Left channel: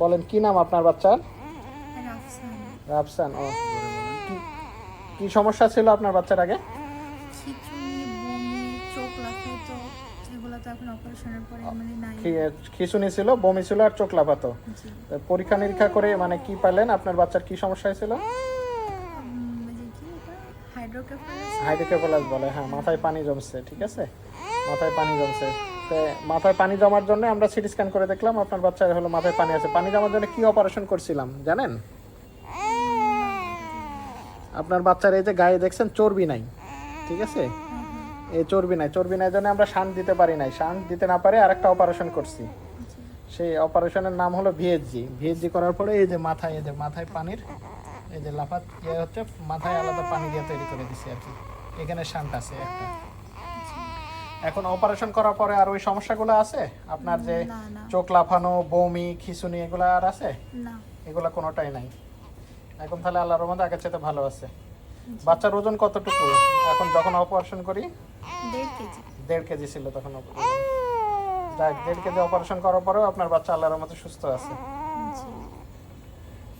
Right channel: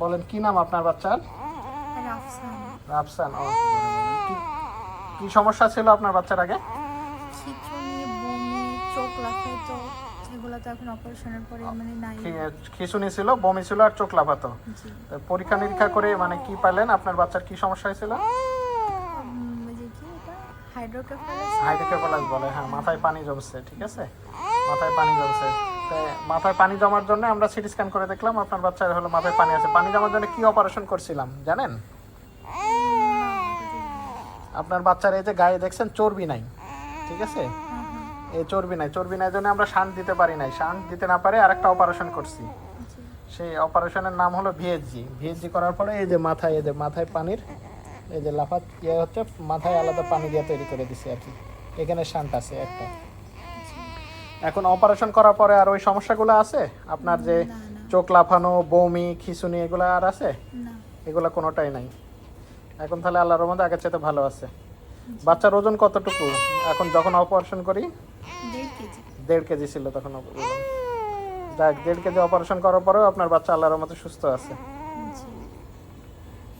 বলেন কি নাম আপনার বাচ্চার? রাফসান। কি- সমস্যা ছিল আপনার বাচ্চার আগে? চোখ লাফায় এগুলো তো এখন অপারেশনের পরে মানে নাই। কি- ছিল বমি ছিল আর চোখ লাফাতো। পরীক্ষা নিরীক্ষা করে মানে কি পাইলেন আপনার বাচ্চার কি সমস্যা হয়েছিল হাইড্রোকেফালাস হাইড্রোকেফালাস বলে হ্যাঁ মাথায় পানি জমছে ঠিক আছে? মাথায় পানি জমছে। মাথায় পানি জমার জন্য আমরা সিটি স্ক্যান করে দেখলাম, আপনার বাচ্চার হলো মাথায় পানি আছে। পানি জমার জন্য কি অপারেশন করছিলাম, জানেন? আপনার বাচ্চার এই যে গায়ে দেখছেন, চর্বি নাই, ঠিক আছে? এই চর্বি নাই চর্বি নাই জন্য আমরা শান দিতে পারি নাই। শান দিতে না পারে আরেকটা অপারেশন করছি। সেই অপারেশনের নাম হলো ভিএসজি ভিএসজি করার পরে এই যে মাথায়, এই যে মাথায় পানির, এই যে লাফাত ইয়ে হচ্ছে, মাথায় আলাদা পানি দিয়ে তৈরি করে দিছি আর কি। এখানে শান্ত আছে একটা। এখন অপারেশন করার পরে আর ওই সমস্যাগুলো আছে? আপনার যে। চোখ লাফানো বমি খিঁচুনি এগুলো আর আছে? না। এগুলো কোনোটাই নাই। এখন তাহলে আল্লাহর মধ্যে আগের চাইতে ভালো আছে। বাচ্চার ওজন কতটুকু? এখন যখন অপারেশন করি দেড় কেজি। ছিল তখন যাক দেড় কেজি অপারেশন করার পরেও আপনার বাচ্চা আল্লাহর মতো সুস্থ আছে।